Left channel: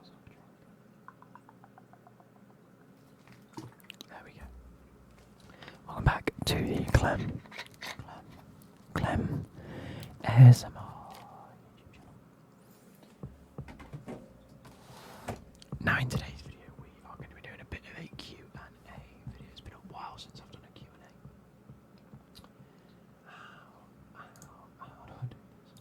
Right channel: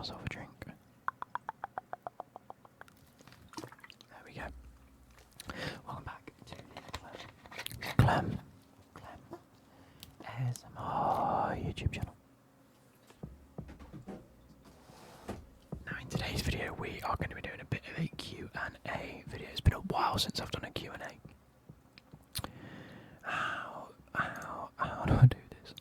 myself a drink. There we go. Welcome back to the Clem ASMR YouTube channel. Now in today's video we are going to be doing a bit of a Q&A video. It's been a while since I've done a Q&A. How do I do this?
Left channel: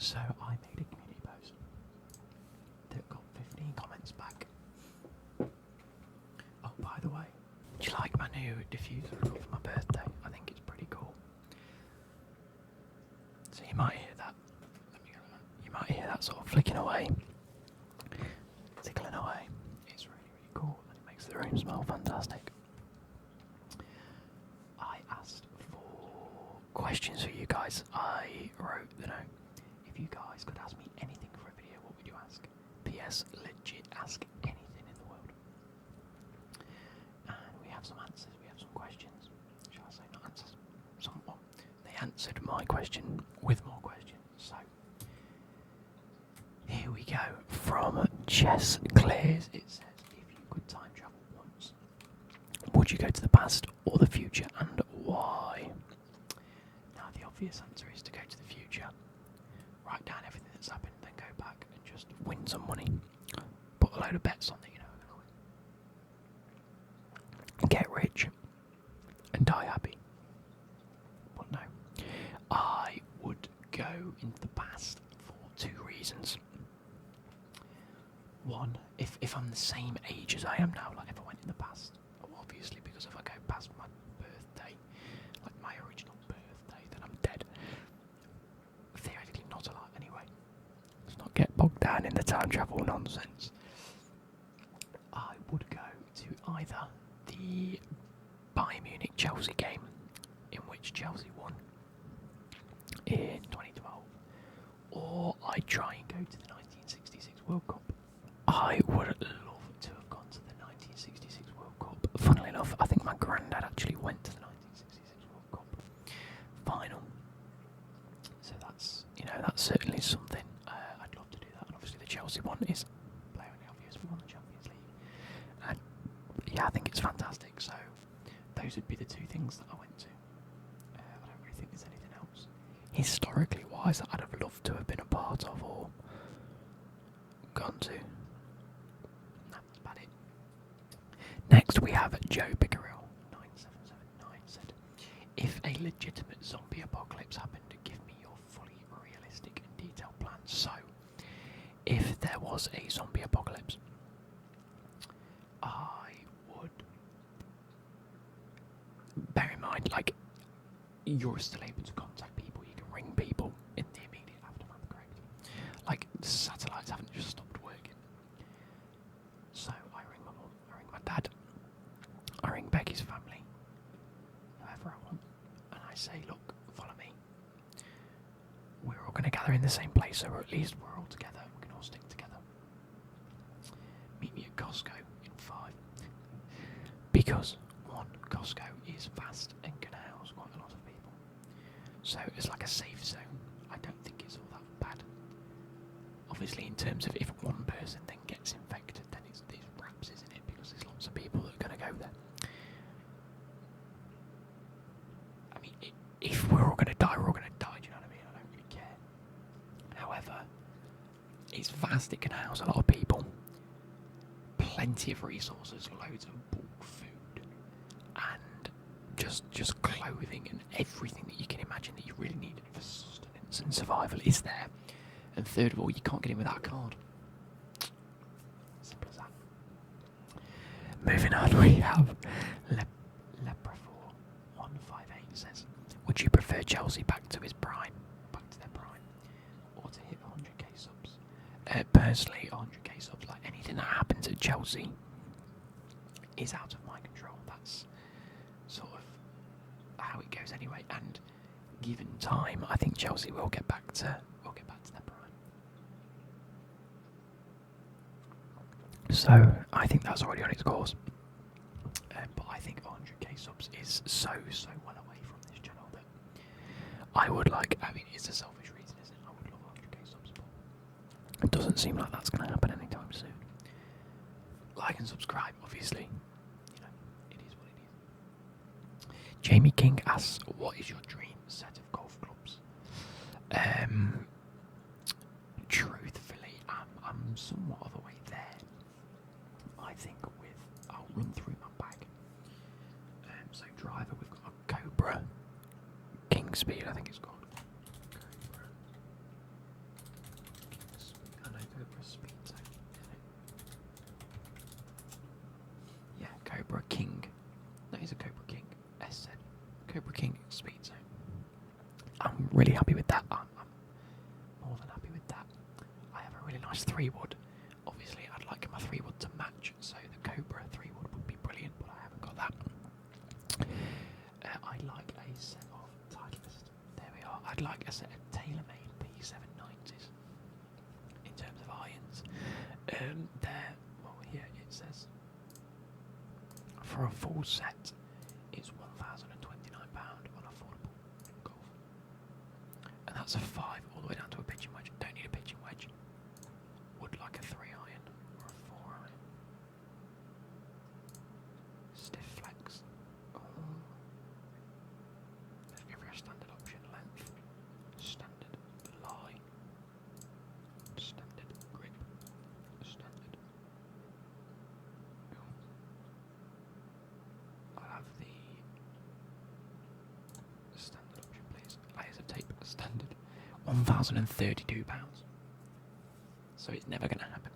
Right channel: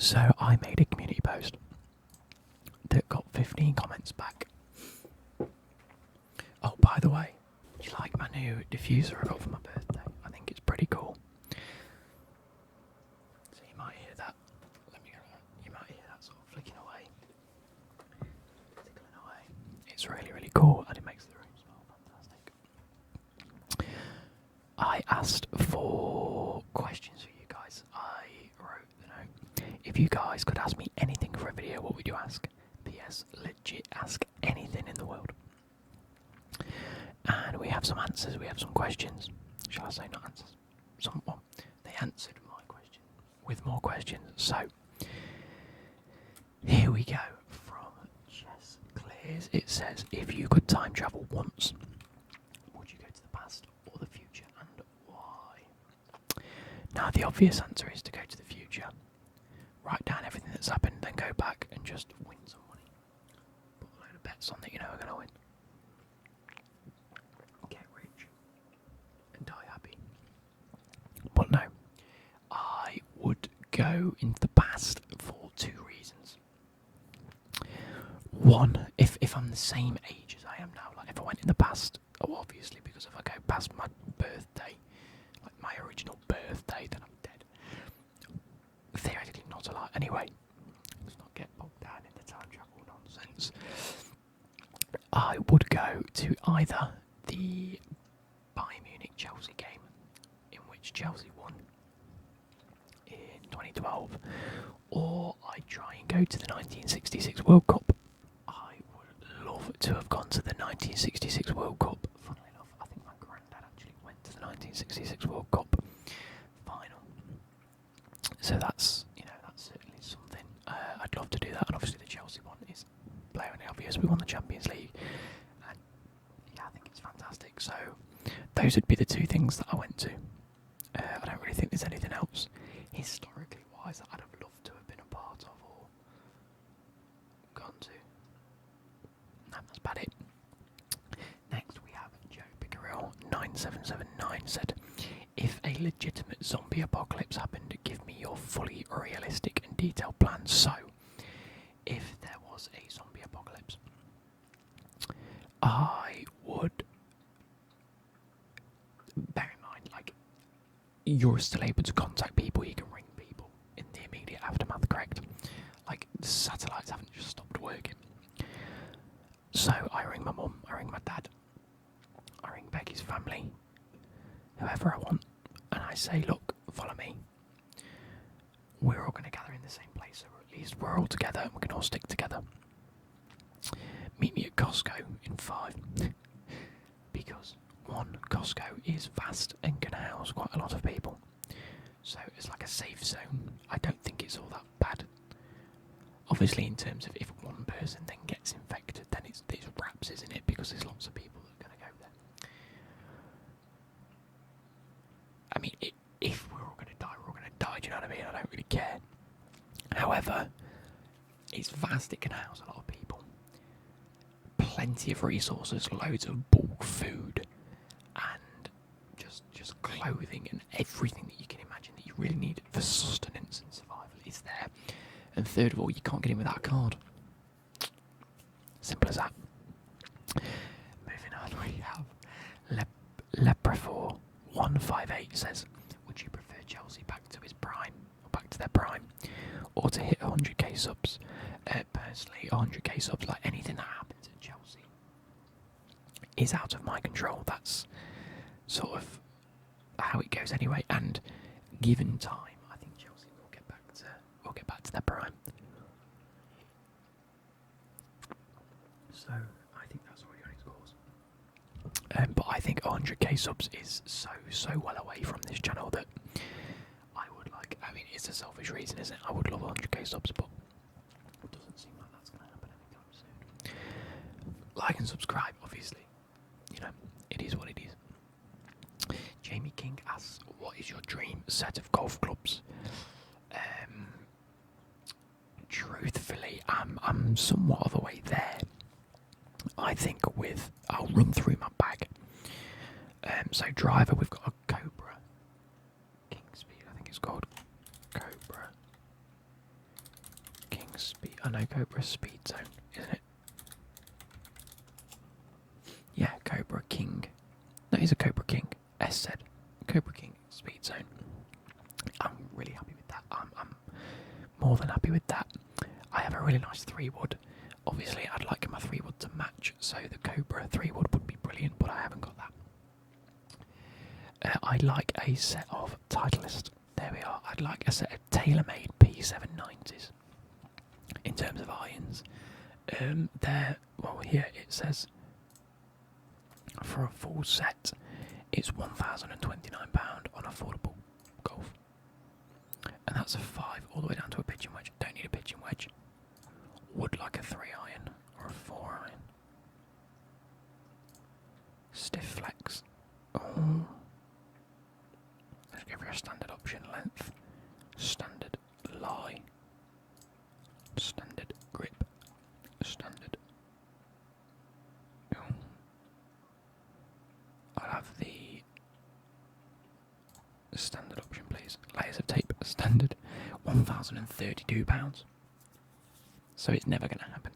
So I made a community post that got 15 comments back. Oh, by the way, do you like my new diffuser I got for my birthday? I think it's pretty cool. So you might hear that. You might hear that sort of flicking away, tickling away. It's really, really cool, and it makes the room smell fantastic. I asked for questions for you guys. I wrote the note. If you guys could ask me anything for a video, what would you ask? P.S. Legit ask anything in the world. And we have some answers, we have some questions. Shall I say not answers? Someone. They answered my question with more questions. So, here we go. From Chess Clears, it says, if you could time travel once, would you go to the past or the future, and why? Now, the obvious answer is to go to the future. Write down everything that's happened, then go back and just win some money. Put a load of bets on that you know are going to win. Get rich and die happy. But no, I would go into the past for two reasons. One, if I'm the same age as I am now, like if I went in the past, obviously, because if I go past my birthday, like my original birthday, then I'm dead. Theoretically not a lot. Anyway, let's not get bogged down in the time travel nonsense. I would go to either the Bayern Munich-Chelsea game, in which Chelsea won in 2012, or I'd try and go to the 1966 World Cup. I would love to have gone to the 1966 World Cup. Funnily enough, I think my granddad actually went to the 1966 World Cup final. So that's certainly something. I'd love to do that, and obviously the Chelsea one is blatantly obvious. We won the Champions League, and yeah, I think it's fantastic. So those would be the two things that I went to. I don't really think there's anything else historically wise that I'd have loved to have been a part of or gone to. No, that's about it. Next we have Joe Pickerel 9779 said, if a legitimate zombie apocalypse happened, give me your fully realistic and detailed plan. So, if there was a zombie apocalypse, I would, bear in mind, like, you're still able to contact people, you can ring people in the immediate aftermath, correct? Like, the satellites haven't just stopped working. So, I ring my mum, I ring my dad, I ring Becky's family, whoever I want, and I say, look, follow me. We're all going to gather in the same place, so at least we're all together and we can all stick together. Meet me at Costco in 5. Because, one, Costco is vast and can house quite a lot of people. So it's like a safe zone. I don't think it's all that bad. Obviously, in terms of if one person then gets infected, then it's wraps, isn't it? Because there's lots of people that are going to go there. I mean, if we're all going to die, we're all going to die, do you know what I mean? I don't really care. However, it's vast, it can house a lot of people. Plenty of resources, loads of bulk food, and just clothing and everything that you can imagine that you really need for sustenance and survival is there. And third of all, you can't get in without a card. Simple as that. Moving on, we have Leprefor 158 says, would you prefer Chelsea back to their prime, or to hit 100k subs? Personally, 100k subs, like anything that happens at Chelsea is out of my control. That's sort of how it goes anyway, and given time, I think Chelsea will get back to their prime. So I think that's already on its course. But I think 100k subs is so well away from this channel that I would like, I mean, it's a selfish reason, isn't it? I would love 100k subs, but it doesn't seem like that's going to happen anytime soon. Like and subscribe, obviously. You know, it is what it is. Jamie King asks, what is your dream set of golf clubs? Truthfully, I'm somewhat of a way there. I think I'll run through my bag. So driver, we've got a Cobra King Speed, I think it's called. Cobra King Speed. I know Cobra Speed Zone, isn't it? Yeah, Cobra King. No, it's a Cobra King. S said Cobra King Speed Zone. I'm really happy with that. I'm more than happy with that. I have a really nice 3-wood. Obviously, I'd like my 3-wood to match, so the Cobra 3-wood would be brilliant, but I haven't got that. I'd like a set of Titleist. There we are. I'd like a set of tailor-made P790s in terms of irons. Well, here it says for a full set, it's £1,029 on affordable golf, and that's a 5 all the way down to a pitching wedge. Don't need a pitching wedge. Would like a 3 iron or a 4 iron. Stiff flex. Oh. Let's go for a standard option. Length. Standard lie. Standard grip. Standard. Oh. I'll have the standard option, please. Layers of tape. Standard. £1,032. So it's never going to happen.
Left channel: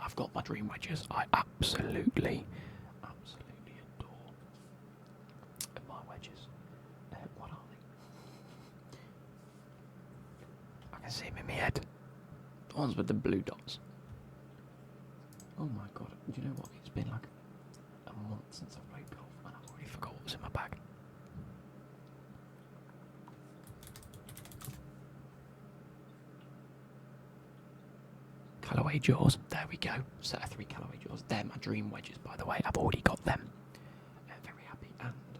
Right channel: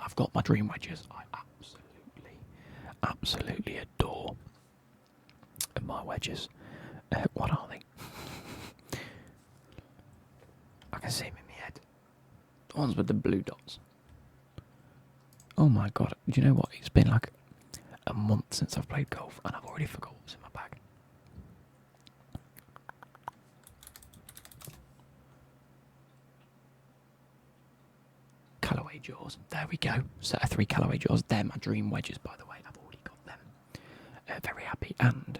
I've got my dream wedges. I absolutely adore my wedges. What are they? I can see them in my head. The ones with the blue dots. Oh my god, do you know what? It's been like a month since I've played golf and I've already forgot what was in my bag. Callaway jaws, there we go. Set of 3 Callaway jaws. They're my dream wedges, by the way. I've already got them. Very happy. And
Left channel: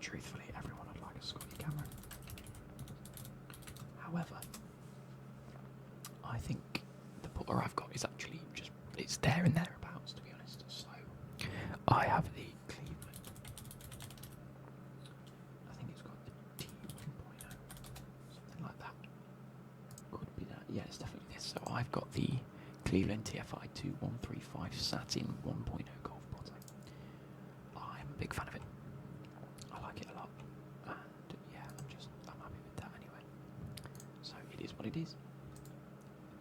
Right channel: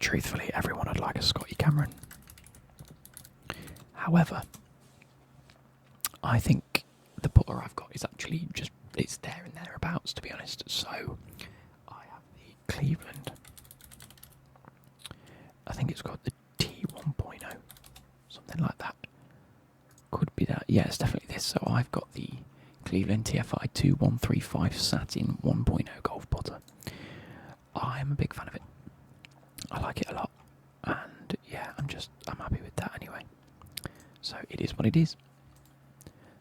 truthfully, everyone would like a Scotty Cameron. However, I think the putter I've got is actually just, it's there and thereabouts, to be honest. So I have the Cleveland. I think it's got the T1.0, something like that. Could be that. Yeah, it's definitely this. So I've got the Cleveland TFI 2135 Satin 1.0 golf putter. I'm a big fan of it. I like it a lot. And yeah, I'm happy with that anyway. So it is what it is.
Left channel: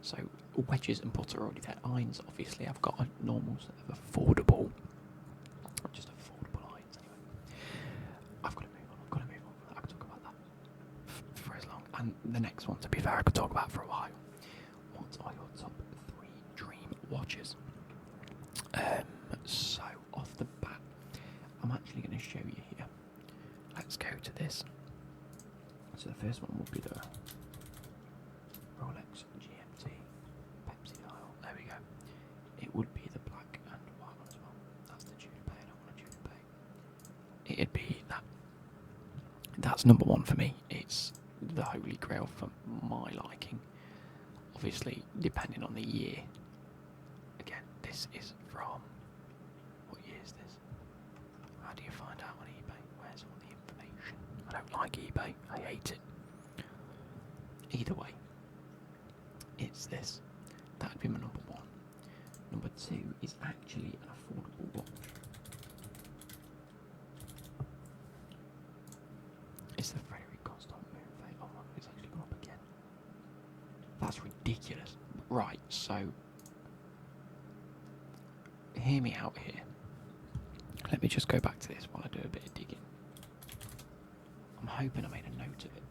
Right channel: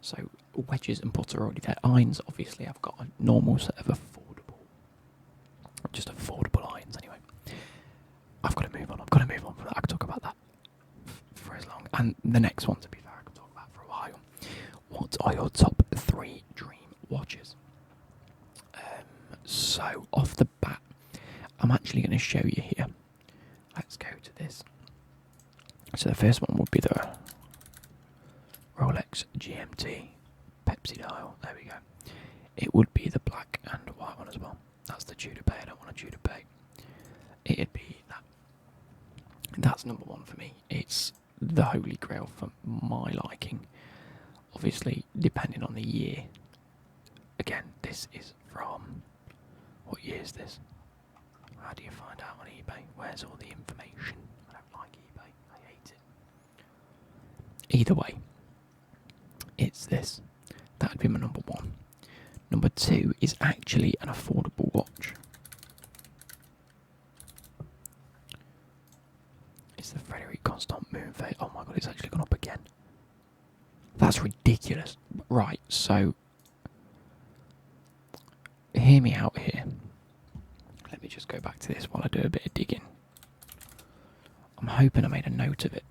So wedges and putter are already there. Irons, obviously, I've got a normal set of affordable irons anyway. I've got to move on from that. I could talk about that for as long. And the next one, to be fair, I could talk about for a while. What are your top 3 dream watches? So off the bat, I'm actually going to show you here. Let's go to this. So the first one would be the Rolex GMT Pepsi dial. There we go. It would be the black and white one as well. That's the Tudor Bay. I don't want a Tudor Bay. It'd be that. That's number 1 for me. It's the holy grail for my liking. Obviously, depending on the year. Again, this is from... What year is this? How do you find out on eBay? Where's all the information? I don't like eBay. I hate it. Either way, it's this. That would be my number 1. Number 2 is actually an affordable watch. It's the Frederic Constant Moon Phase. Oh my god, it's actually gone up again. That's ridiculous. Right, so hear me out here. Let me just go back to this while I do a bit of digging. I'm hoping I made a note of it,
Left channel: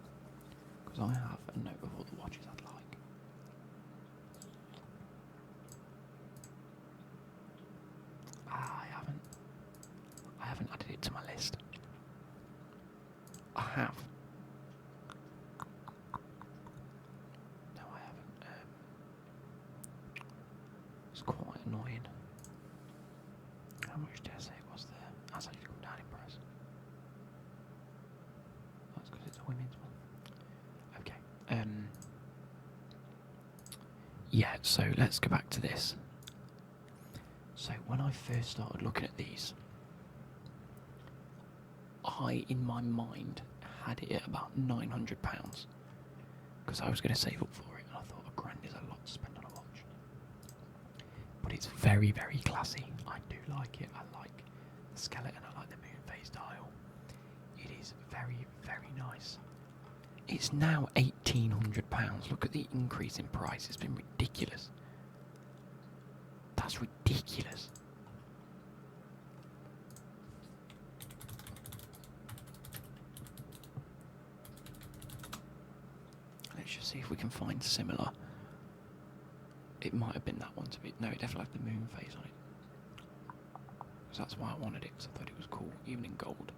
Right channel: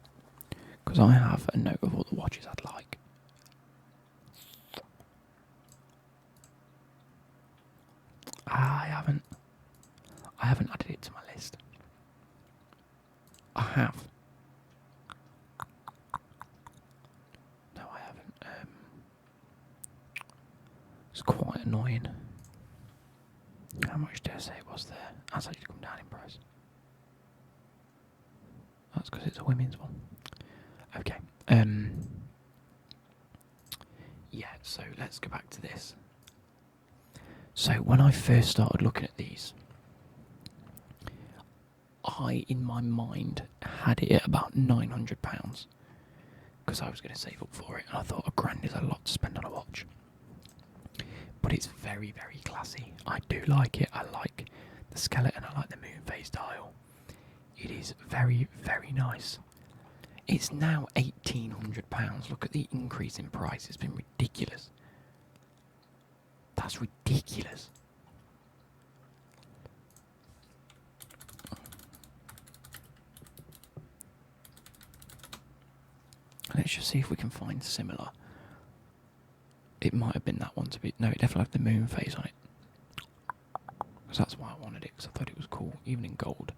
because I have a note of all the watches I'd like. I haven't added it to my list. I have. No, I haven't. It's quite annoying. How much did I say it was there? That's actually come down in price. That's because it's a women's one. Okay. Yeah, so let's go back to this. So when I first started looking at these, I, in my mind, had it at about £900 because I was going to save up for it, and I thought £1,000 is a lot to spend on a watch. But it's very, very classy. I do like it. I like the skeleton. I like the moon phase dial. It is very, very nice. It's now £1,800. Look at the increase in price. It's been ridiculous. That's ridiculous. Let's just see if we can find similar. It might have been that one to be... No, it definitely had the moon phase on it. Because that's why I wanted it, because I thought it was cool, even in gold.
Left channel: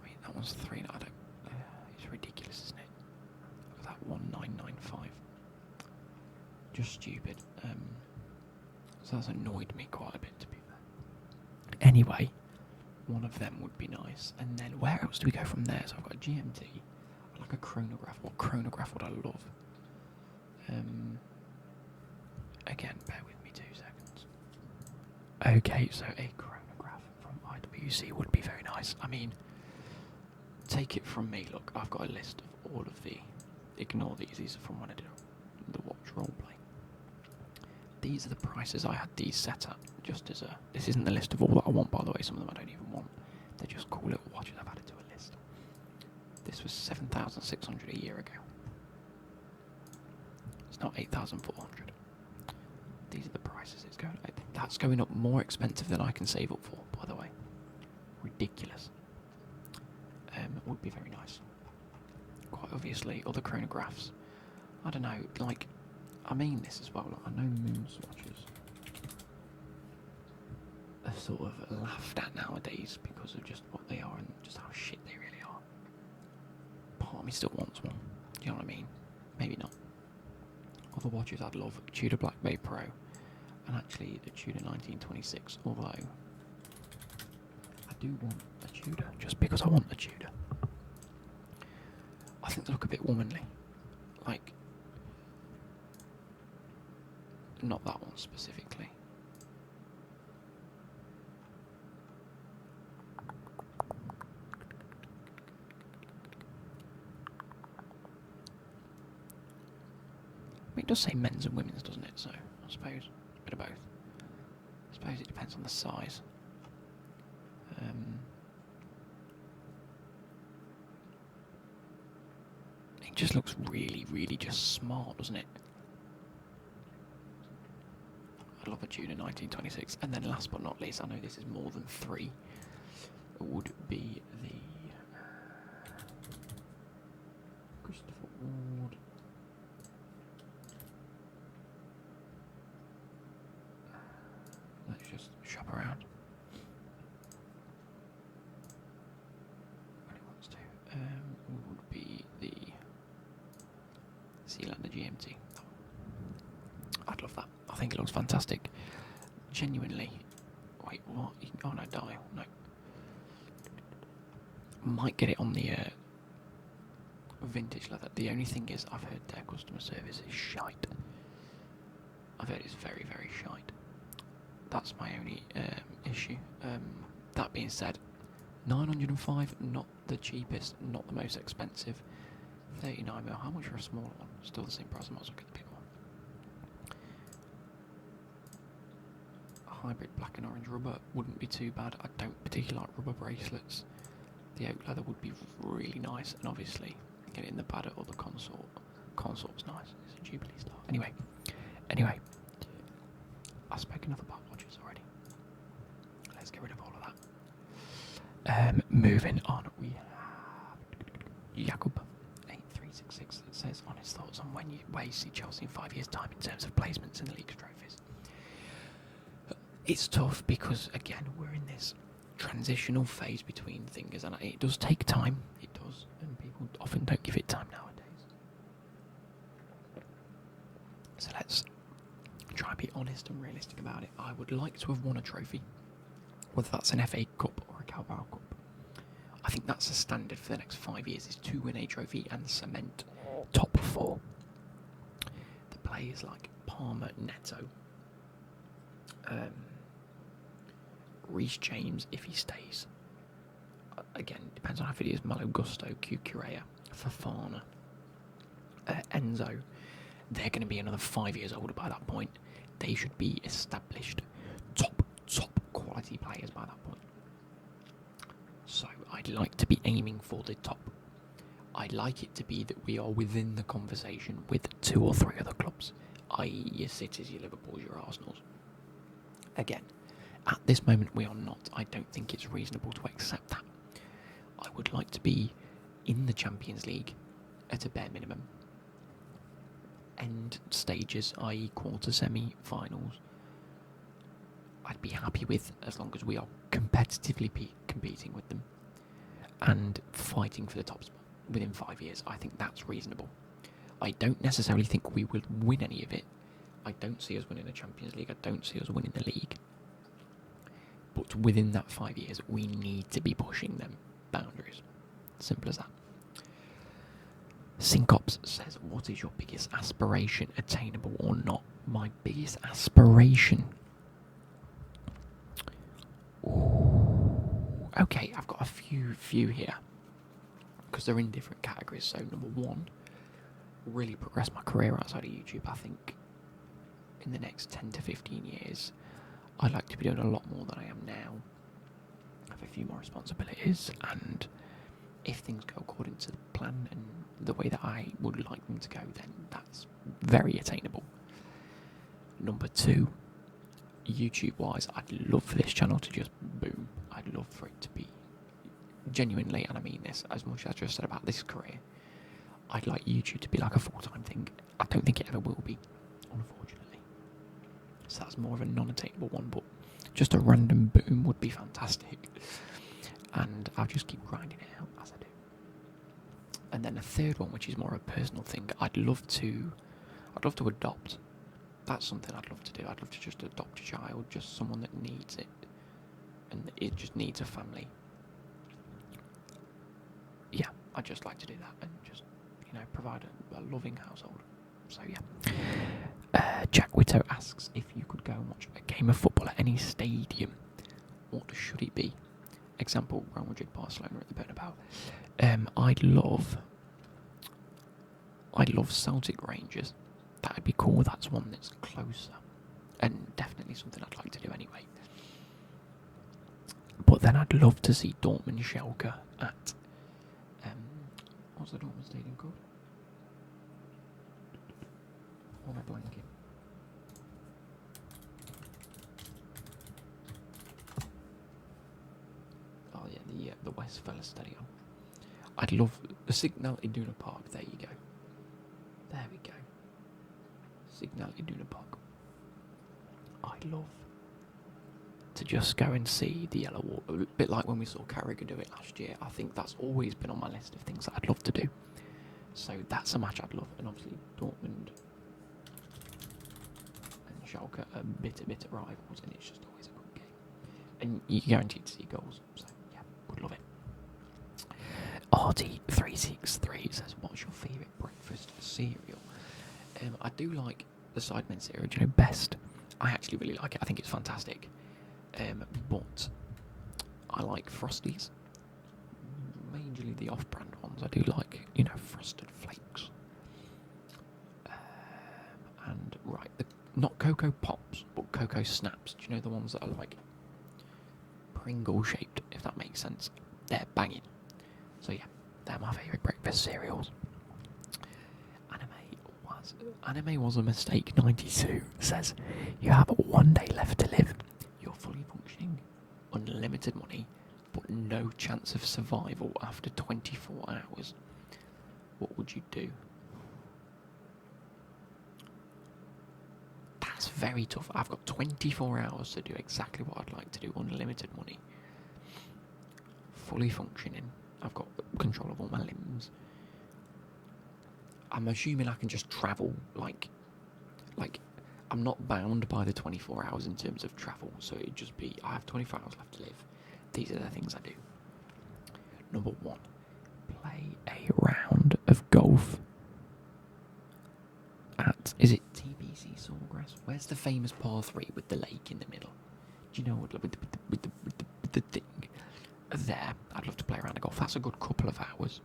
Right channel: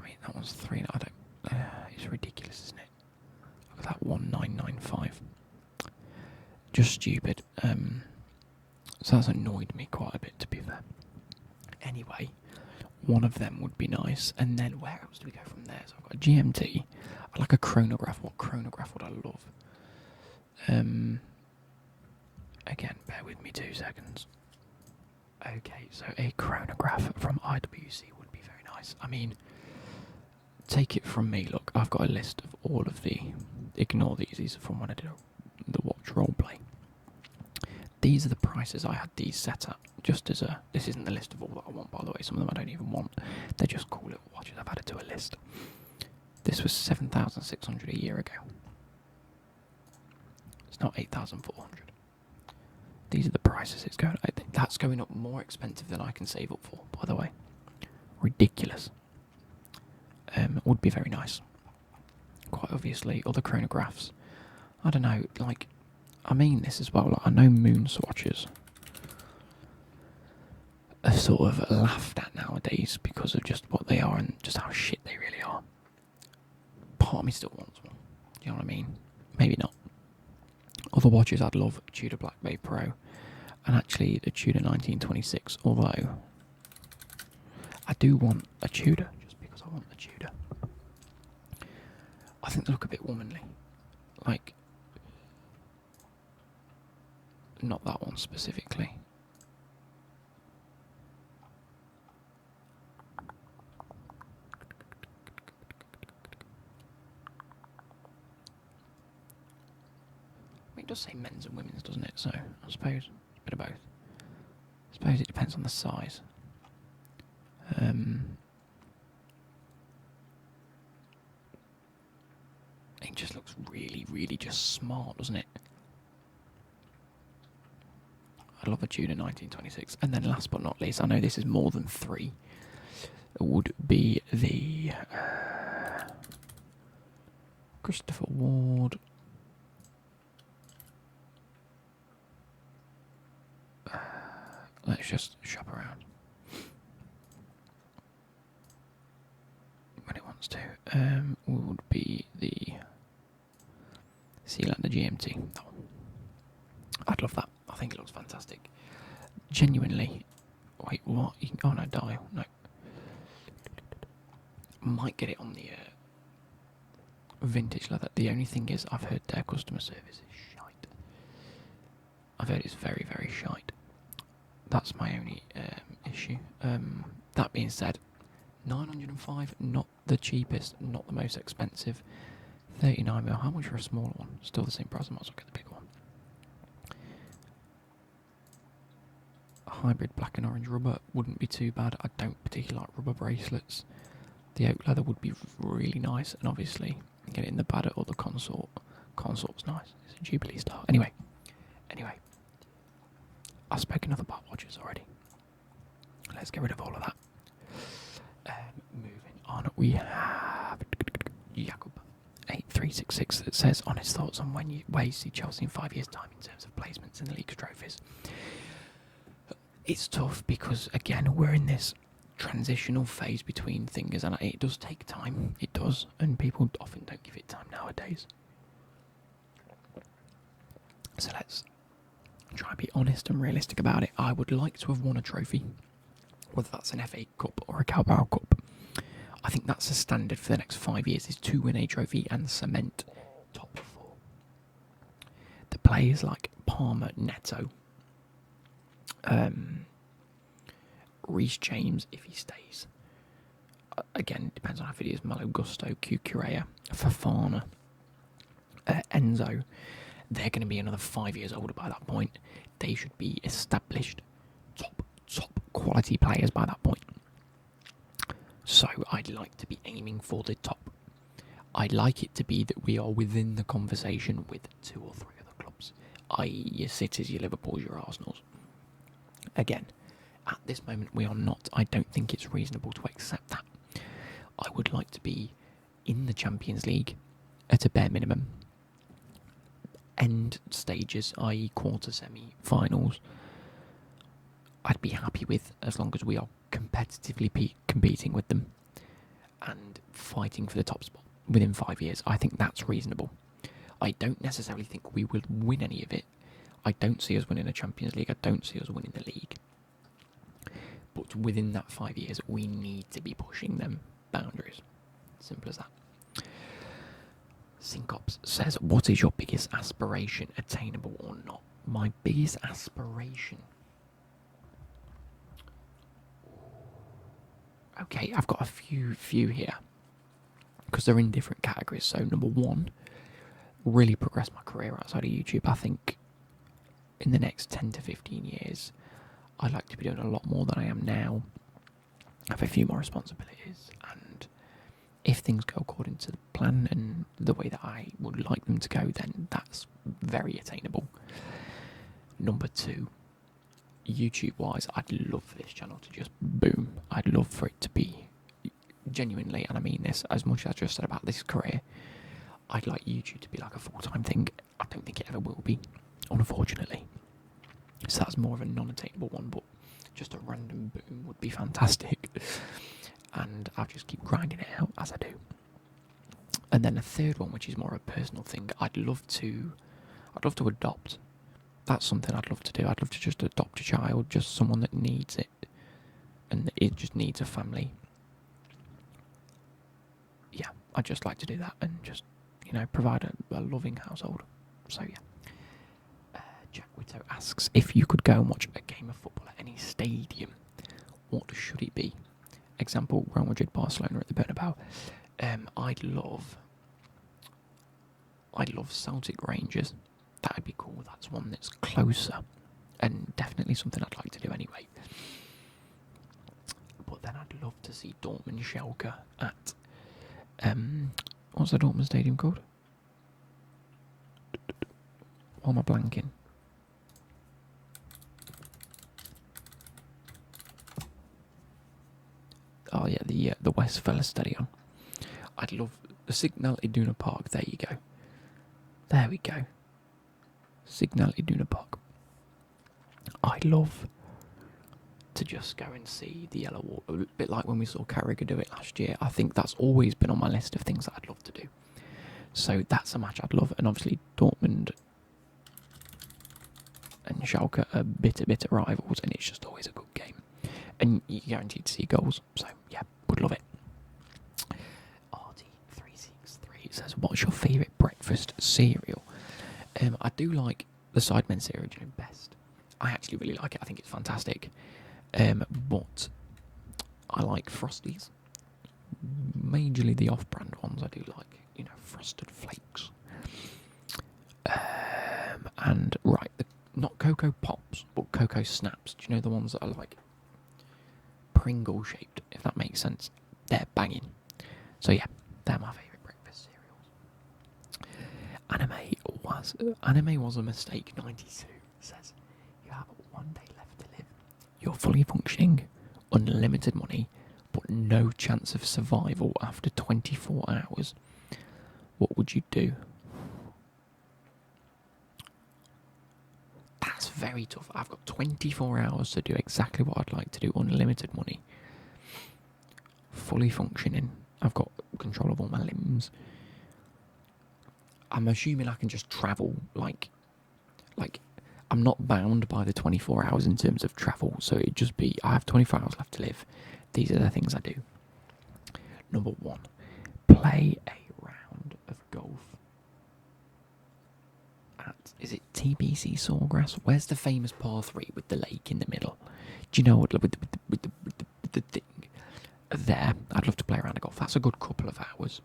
I mean, that one's 3... I don't... it's ridiculous, isn't it? Look at that, 1995. Just stupid. So that's annoyed me quite a bit, to be fair. Anyway, one of them would be nice. And then where else do we go from there? So I've got a GMT. I'd like a chronograph. What chronograph would I love? Again, bear with me 2 seconds. Okay, so a chronograph from IWC would be very nice. I mean, take it from me. Look, I've got a list of all of the... Ignore these. These are from when I did the watch roleplay. These are the prices I had these set at. Just as a... This isn't the list of all that I want, by the way. Some of them I don't even want. They're just cool little watches I've added to a list. This was 7,600 a year ago. It's not 8,400. These are the prices it's going... I think that's going up more expensive than I can save up for, by the way. Ridiculous. Would be very nice. Quite obviously, other chronographs. I don't know, like... I mean this as well, like, I know moon swatches are sort of laughed at nowadays because of just what they are and just how shit they really are. Part of me still wants one. Do you know what I mean? Maybe not. Other watches I'd love, Tudor Black Bay Pro, and actually the Tudor 1926, although I do want a Tudor just because I want a Tudor. I think they look a bit womanly. Like, not that one specifically. It does say men's and women's, doesn't it? So, I suppose a bit of both. I suppose it depends on the size. It just looks really, really just smart, doesn't it? I love a Tudor 1926. And then last but not least, I know this is more than 3, would be the Christopher Ward. Let's just shop around when it wants to. Would be the Sealander GMT. I'd love that. I think it looks fantastic. Genuinely. Wait, what? Oh no, dial. No. Might get it on the vintage leather. The only thing is, I've heard their customer service is shite. I've heard it's very, very shite. That's my only issue. That being said, 905, not the cheapest, not the most expensive. 39mm, how much for a smaller one? Still the same price, I might as well get the bigger one. Hybrid black and orange rubber wouldn't be too bad. I don't particularly like rubber bracelets. The oak leather would be really nice, and obviously get it in the Badder or the Consort. Consort's nice. It's a Jubilee style. Anyway, I've spoken enough about watches already. Let's get rid of all of that. Moving on, we have Jakub 8366 that says on his thoughts on where you see Chelsea in 5 years' time in terms of placements in the league trophies. It's tough because, again, we're in this transitional phase between things, and it does take time. It does, and people often don't give it time nowadays. So let's try and be honest and realistic about it. I would like to have won a trophy. whether that's an FA Cup or a Carabao Cup. I think that's the standard for the next 5 years, is to win a trophy and cement top 4. The players like Palmer, Neto, Reece James, if he stays. Again, depends on how fit he is. Malo Gusto, Cucurella, Fofana, Enzo. They're going to be another 5 years older by that point. They should be established top quality players by that point. So I'd like to be aiming for the top. I'd like it to be that we are within the conversation with 2 or 3 other clubs, i.e. your Cities, your Liverpools, your Arsenals. Again, at this moment we are not. I don't think it's reasonable to accept that. I would like to be in the Champions League at a bare minimum. End stages, i.e. quarter, semi-finals, I'd be happy with, as long as we are competitively competing with them and fighting for the top spot within 5 years. I think that's reasonable. I don't necessarily think we will win any of it. I don't see us winning a Champions League. I don't see us winning the league. But within that 5 years, we need to be pushing them boundaries. Simple as that. Syncops says, what is your biggest aspiration, attainable or not? My biggest aspiration. Ooh. Okay, I've got a few here because they're in different categories. So number 1, really progress my career outside of YouTube. I think in the next 10 to 15 years, I'd like to be doing a lot more than I am now. I have a few more responsibilities, and if things go according to the plan and the way that I would like them to go, then that's very attainable. Number 2, YouTube-wise, I'd love for this channel to just boom. I'd love for it to be genuinely, and I mean this as much as I just said about this career, I'd like YouTube to be like a full-time thing. I don't think it ever will be, unfortunately. So that's more of a non-attainable one, but just a random boom would be fantastic. And I'll just keep grinding it out as I do. And then a third one, which is more a personal thing, I'd love to adopt. That's something I'd love to do. I'd love to just adopt a child, just someone that needs it, and it just needs a family. Yeah, I'd just like to do that and just, provide a loving household. So yeah. Jack Whitto asks, if you could go and watch a game of football at any stadium, what should it be? Example, Real Madrid, Barcelona at the Bernabeu. I'd love Celtic Rangers. That'd be cool. That's one that's closer, and definitely something I'd like to do anyway. But then I'd love to see Dortmund Schalke at what's the Dortmund stadium called? Why am I blanking? Oh yeah, the Westfalen Stadion. I'd love the Signal Iduna Park. There you go. There we go. Signal Iduna Park. I'd love to just go and see the Yellow Wall, a bit like when we saw Carragher do it last year. I think that's always been on my list of things that I'd love to do. So that's a match I'd love, and obviously Dortmund and Schalke are bitter rivals, and it's just always a good game. And you're guaranteed to see goals, so yeah, would love it. RT363 says, what's your favourite breakfast cereal? I do like the Sidemen cereal, best. I actually really like it. I think it's fantastic. But I like Frosties. Majorly the off-brand ones. I do like, Frosted Flakes. And right, not Cocoa Pops, but Cocoa Snaps. Do you know the ones that are like Pringle shaped, if that makes sense? They're banging. So yeah, they're my favourite breakfast cereals. Anime was a mistake 92 says, you have 1 day left to live. You're fully functioning, unlimited money, but no chance of survival after 24 hours. What would you do? That's very tough. I've got 24 hours to do exactly what I'd like to do, unlimited money. Fully functioning. I've got control of all my limbs. I'm assuming I can just travel, like I'm not bound by the 24 hours in terms of travel, so it'd just be I have 24 hours left to live. These are the things I do. Number 1, play a round of golf at, is it TBC Sawgrass? Where's the famous par 3 with the lake in the middle? Do you know what, with the thing there? I'd love to play around a golf. That's a good couple of hours.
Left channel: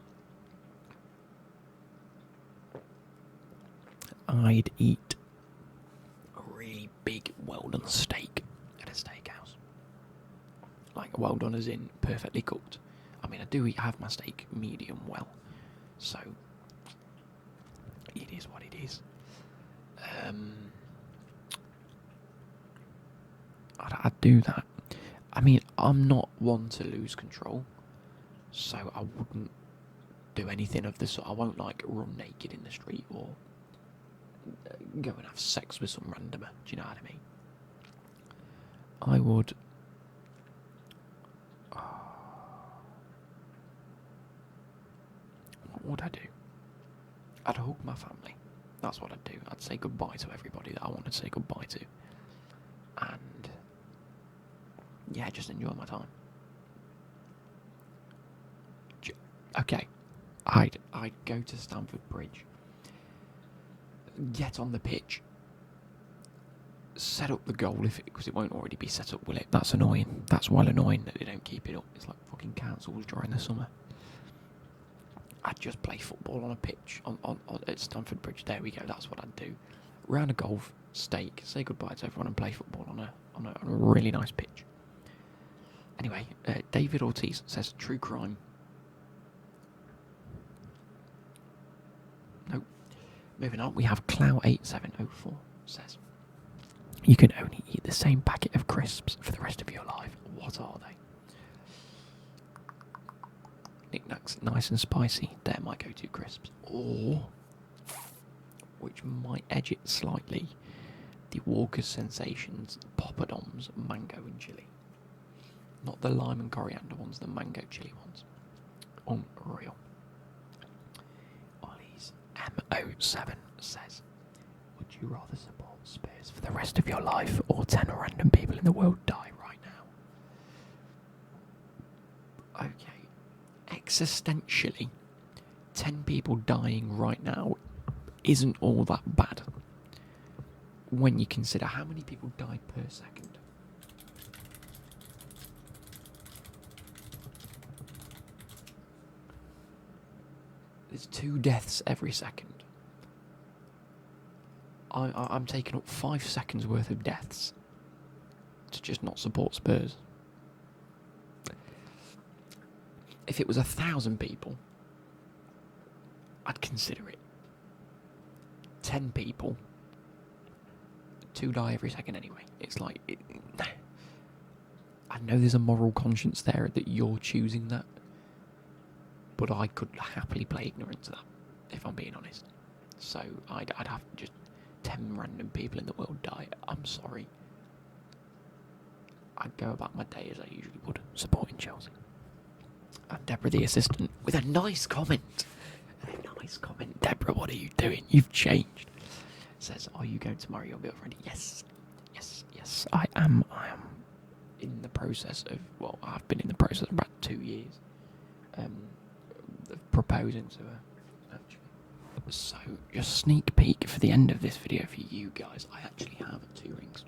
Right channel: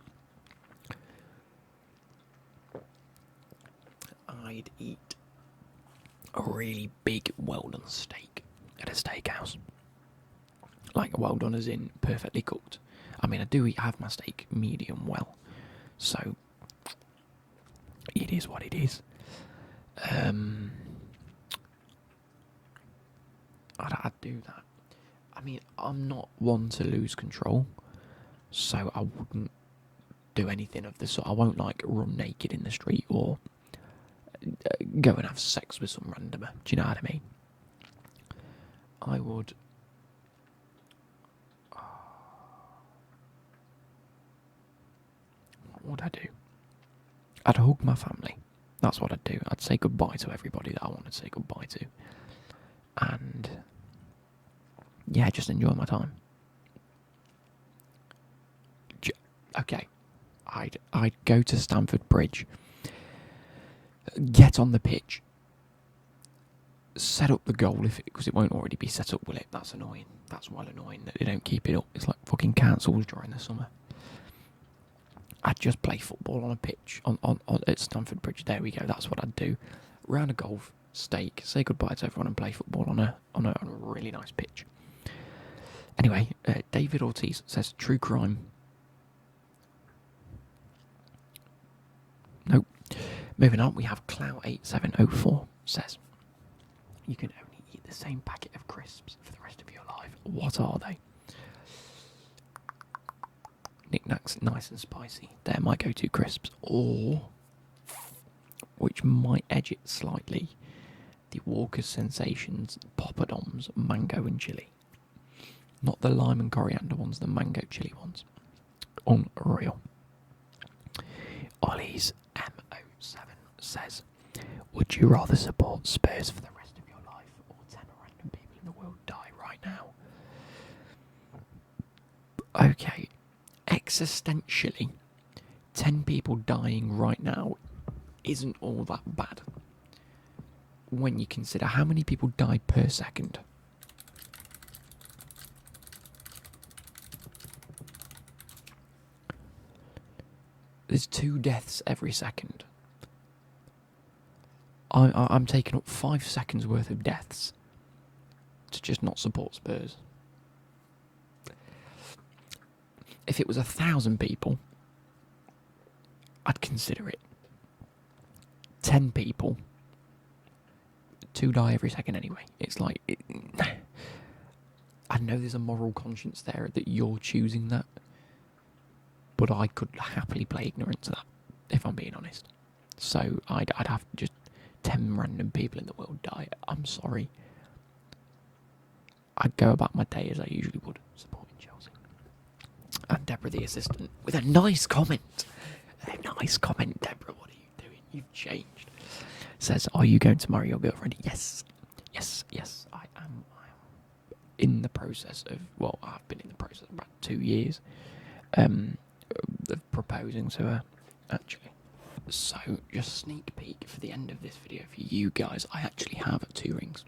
I'd eat a really big well-done steak at a steakhouse. Like, well done as in perfectly cooked. I mean, I do have my steak medium well, so it is what it is. I'd do that. I mean, I'm not one to lose control, so I wouldn't do anything of the sort. I won't, like, run naked in the street or go and have sex with some randomer. Do you know what I mean? I would... What would I do? I'd hug my family. That's what I'd do. I'd say goodbye to everybody that I wanted to say goodbye to. And... yeah, just enjoy my time. Okay. I'd go to Stamford Bridge, get on the pitch, set up the goal because it won't already be set up, will it? That's annoying. That's well annoying that they don't keep it up. It's like fucking cancels during the summer. I'd just play football on a pitch on at Stamford Bridge. There we go. That's what I'd do. Round a golf, steak, say goodbye to everyone, and play football on a really nice pitch. Anyway, David Ortiz says true crime. Nope. Moving on, we have Clow8704 says, you can only eat the same packet of crisps for the rest of your life. What are they? Knickknacks, nice and spicy. They're my go-to crisps. Or, which might edge it slightly, the Walker's Sensations Poppadoms mango and chili. Not the lime and coriander ones, the mango chili ones. Unreal. Ollie's M07 says, would you rather support Spurs for the rest of your life or 10 random people in the world die right now? Okay, existentially, 10 people dying right now isn't all that bad when you consider how many people die per second. There's 2 deaths every second. I'm taking up 5 seconds worth of deaths to just not support Spurs. If it was 1,000 people, I'd consider it. 10 people, 2 die every second anyway. It's like... I know there's a moral conscience there that you're choosing that, but I could happily play ignorant to that, if I'm being honest. So I'd have to just 10 random people in the world die. I'm sorry. I'd go about my day as I usually would, supporting Chelsea. And Deborah, the assistant, with a nice comment. A nice comment. Deborah, what are you doing? You've changed. Says, are you going to marry your girlfriend? Yes. Yes, I am. I am in the process of, well, I've been in the process of about 2 years of proposing to her, actually. So, just sneak peek for the end of this video for you guys. I actually have 2 rings.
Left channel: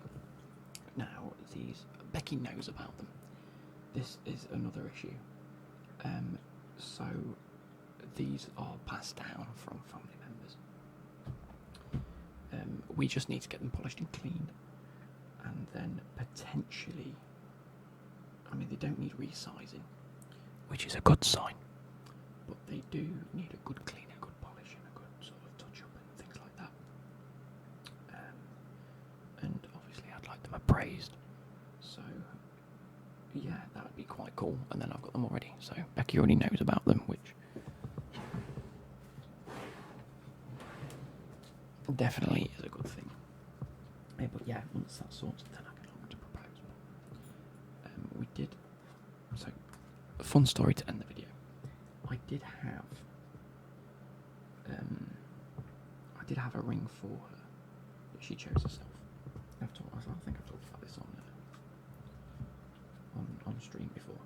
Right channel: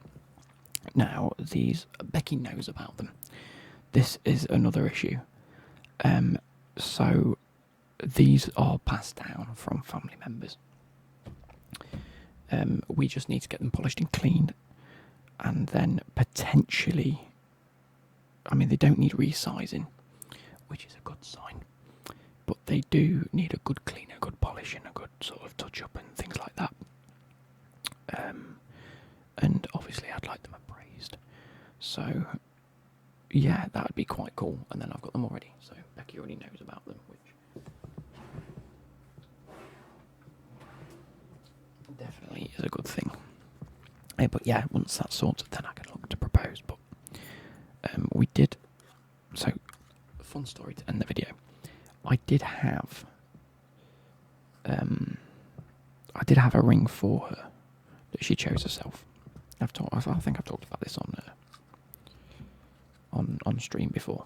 Now, these, Becky knows about them. This is another issue. So, these are passed down from family members. We just need to get them polished and cleaned. And then potentially, I mean, they don't need resizing, which is a good sign. But they do need a good clean, a good polish, and a good sort of touch-up and things like that. And obviously I'd like them appraised. So, yeah, that would be quite cool. And then I've got them already. So Becky already knows about them, which definitely is a good thing. But yeah, once that's sorted, then I can look to propose. But we did... So, fun story to end the video. I did have a ring for her, that she chose herself. I think I've talked about this on stream before,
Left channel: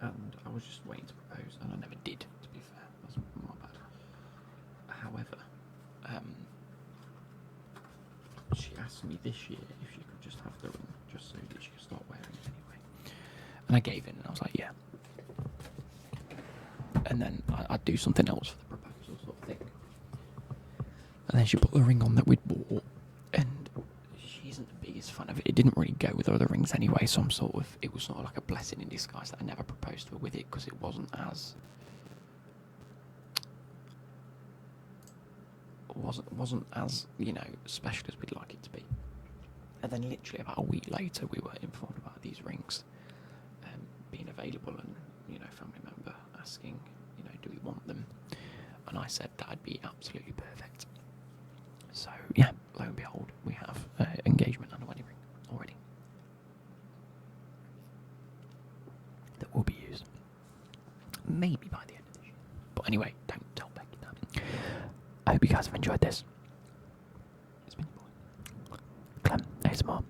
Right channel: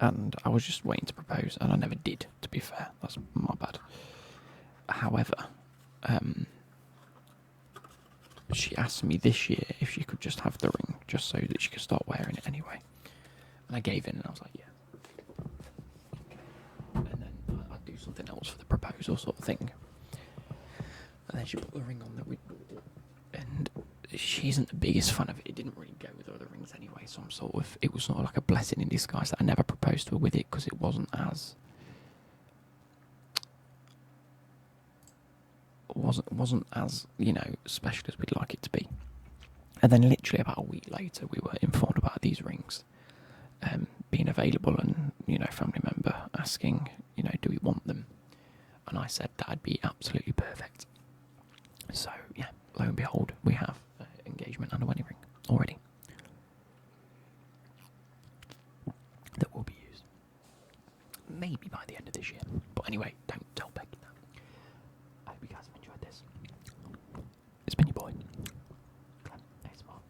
and I was just waiting to propose, and I never did. To be fair, that's my bad. However, she asked me this year if she could just have the ring, just so that she could start wearing it anyway. And I gave in, and I was like, yeah. And then I'd do something else for the proposal sort of thing. And then she put the ring on that we'd bought, and she isn't the biggest fan of it. It didn't really go with other rings anyway, so it was sort of like a blessing in disguise that I never proposed to her with it, because it wasn't as special as we'd like it to be. And then literally about a week later, we were informed about these rings being available, and family member asking, do we want them? And I said that'd be absolutely perfect. So yeah, lo and behold, we have engagement and a wedding ring already that will be used maybe by the end of this year. But anyway, don't tell Becky that. I hope you guys have enjoyed this. It's been your boy, Clem ASMR.